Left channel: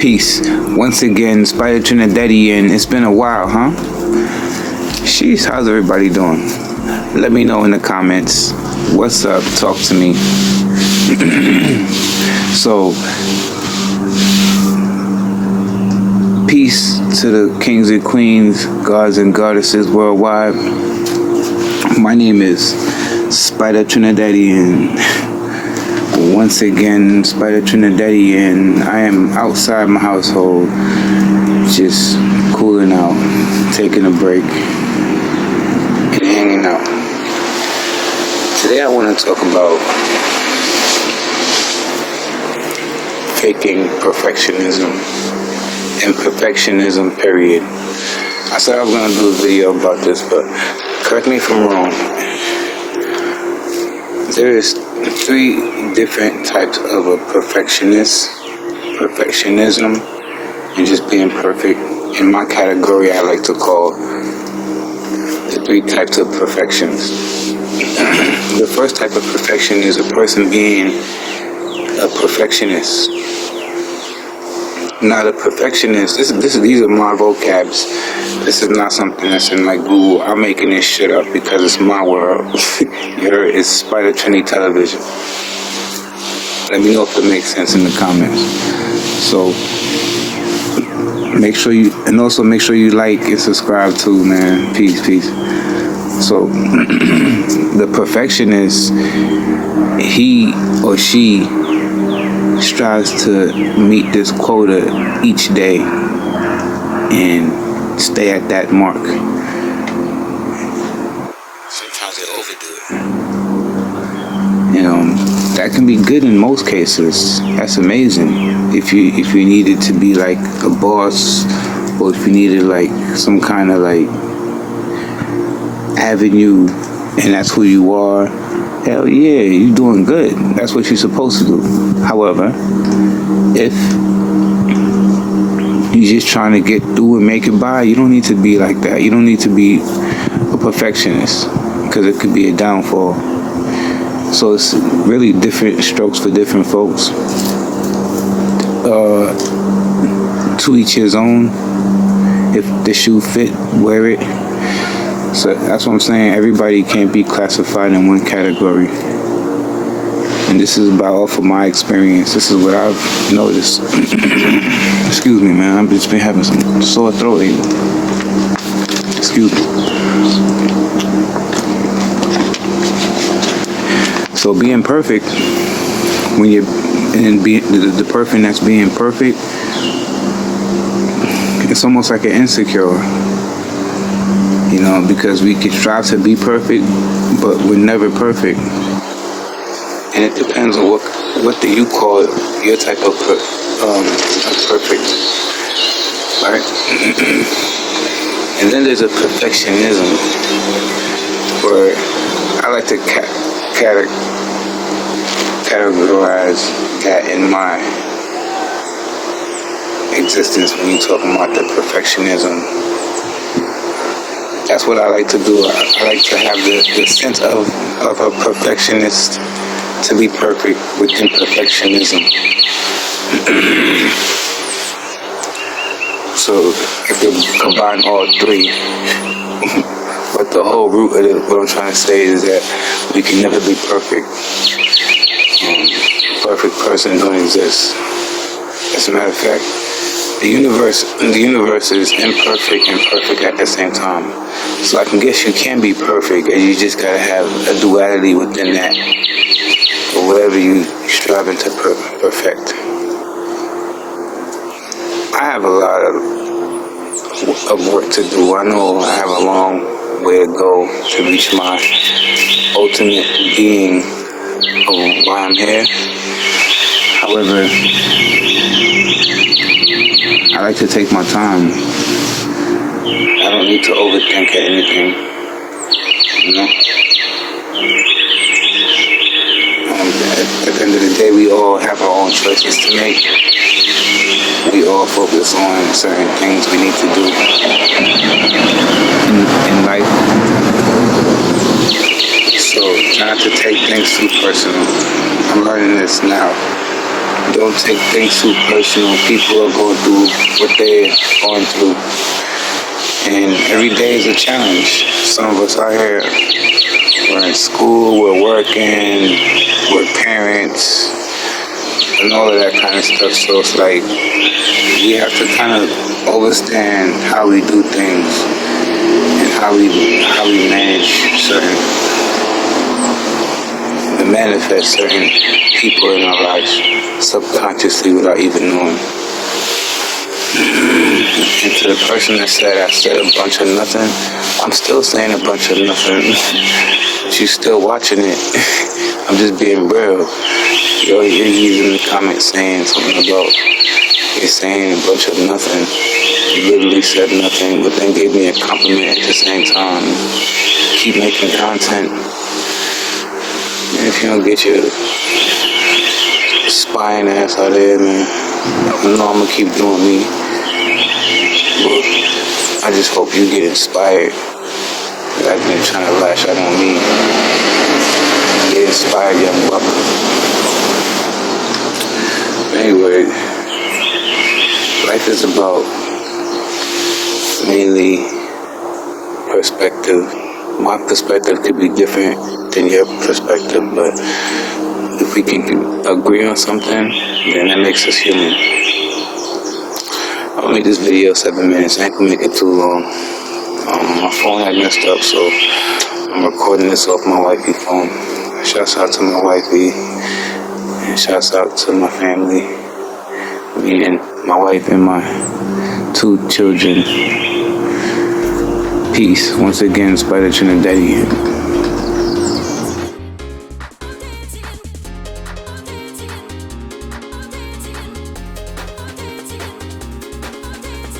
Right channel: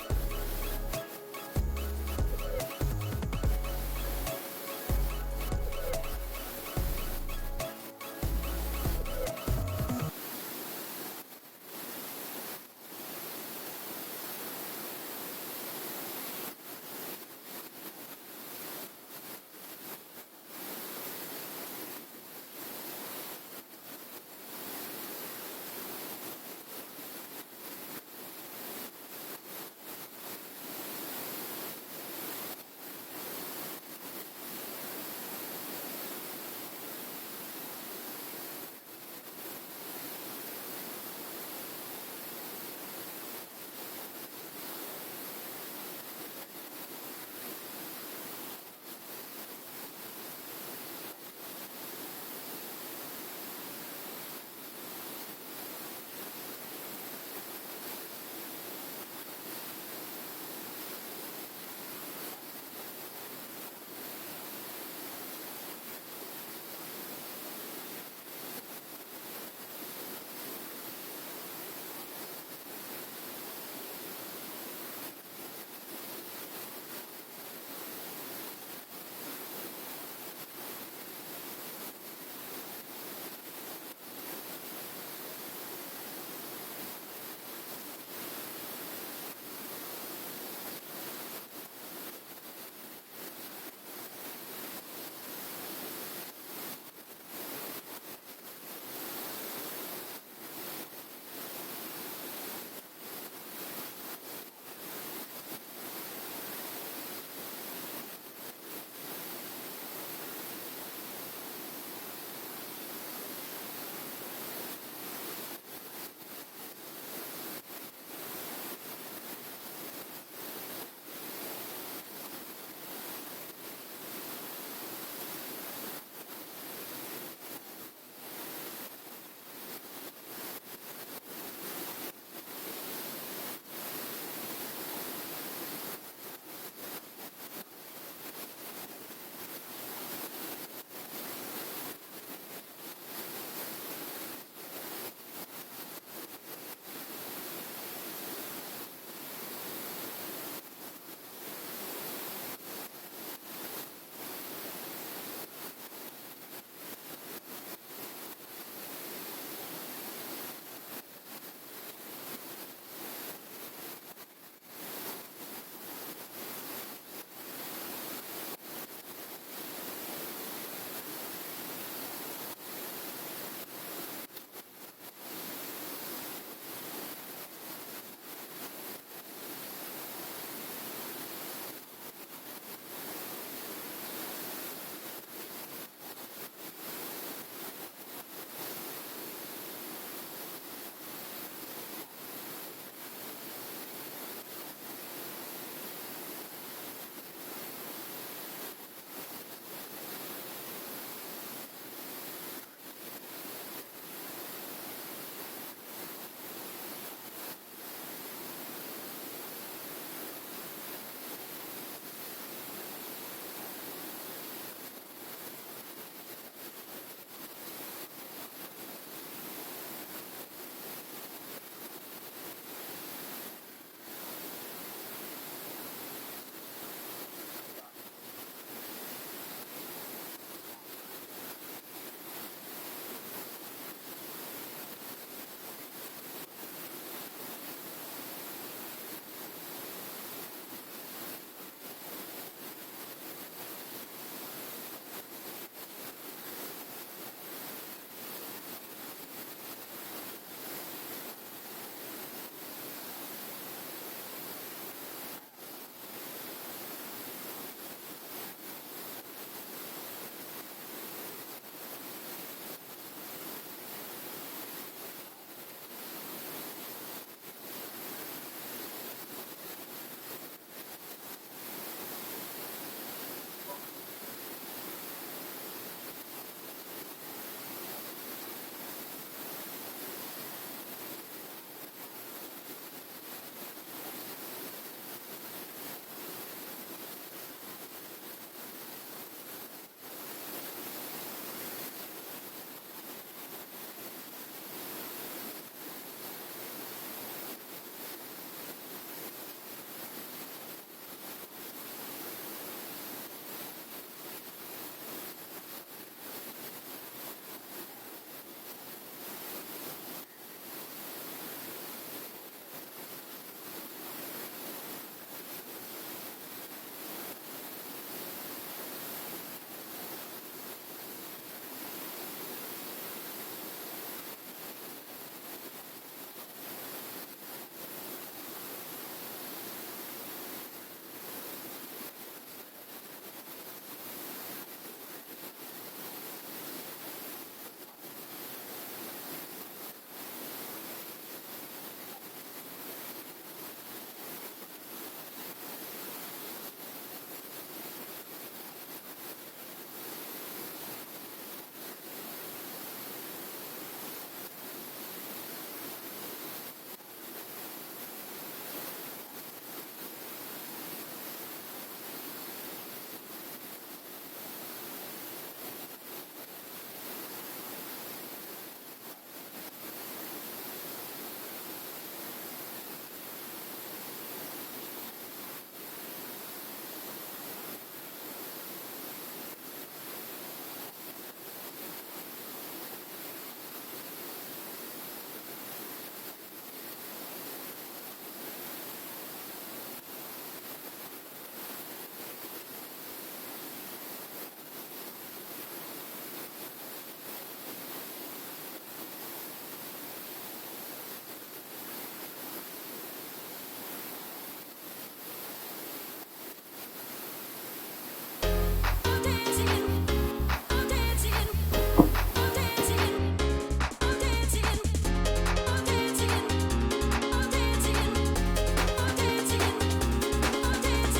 Peace. Once again, Spider Trinidadian. It's been a while, huh? Sheesh, how's everybody doing? Let me know in the comments. What's up? Talk to me. So, peace to the kings and queens, gods and goddesses worldwide. My name is Spider Trinidadian. Once again, Spider Trinidadian. I am outside my household, just cooling out, taking a break, and hanging out. Today I want to talk about faking perfectionism and perfectionism, period. I said I was going to do a video about this, but correct me if I'm wrong. There is 3 different types of a perfectionism, and just being perfect. In my category, I like to call the 3 types of perfections. The first type of perfection is a person being a perfectionist. Not a perfectionist. These are my vocabs. This is not something that's in like Google. I'm making this shit up because it's my world. You heard? It's Spider Trini Television. Let me know if it makes sense in the comments. So make sure you like and subscribe too, man. Peace. So the perfectionist, he or she strives to meet this quota each day and stay at that mark. Sometimes they overdo it. That can be good in most cases. That's amazing. If you needed to be like a boss, or if you needed like some kind of like avenue, and that's who you are, hell yeah, you're doing good. That's what you're supposed to do. However, if you're just trying to get through and make it by, you don't need to be like that. You don't need to be a perfectionist, because it could be a downfall. So it's really different strokes for different folks. To each his own. If the shoe fit, wear it. So that's what I'm saying. Everybody can't be classified in one category. And this is about off of my experience. This is what I've noticed. Excuse me, man. I've just been having some sore throat lately. Excuse me. So being perfect, when you're the person that's being perfect, it's almost like an insecure. Because we can strive to be perfect, but we're never perfect. And it depends on what do you call your type of perfect, right? And then there's a perfectionism, where I like to categorize that in my existence when you're talking about the perfectionism. That's what I like to do. I like to have the sense of a perfectionist, to be perfect with imperfectionism. So if you combine all 3, but the whole root of what I'm trying to say is that we can never be perfect. Perfect person don't exist. As a matter of fact, the universe is imperfect and perfect at the same time. So I can guess you can be perfect, and you just gotta have a duality within that, or whatever you striving to perfect. I have a lot of work to do. I know I have a long way to go to reach my ultimate being of why I'm here. However, I like to take my time. I don't need to overthink anything, At the end of the day, we all have our own choices to make. We all focus on certain things we need to do in life. So, not to take things too personal. I'm learning this now. Don't take things too personal. People are going through what they're going through. And every day is a challenge. Some of us out here, we're in school, we're working, we're parents, and all of that kind of stuff. So it's like, we have to kind of understand how we do things and how we manage and manifest certain people in our lives subconsciously without even knowing. And to the person that said I said a bunch of nothing, I'm still saying a bunch of nothing, but you still watching it. I'm just being real. You're in the comments saying something about, you're saying a bunch of nothing. You literally said nothing, but then gave me a compliment at the same time. Keep making content. And if you don't get your spying ass out there, man, I know I'm gonna keep doing me. But I just hope you get inspired. I've been trying to lash out on me. Get inspired, young buck. Anyway, life is about mainly perspective. My perspective could be different than your perspective, but if we can agree on something, then that makes us human. I'll make this video 7 minutes. I ain't gonna make it too long. My phone had messed up, so I'm recording this off my wifey phone. Shouts out to my wifey, and shouts out to my family, meaning my wife and my 2 children. Peace. Once again, Spider Trinidadian.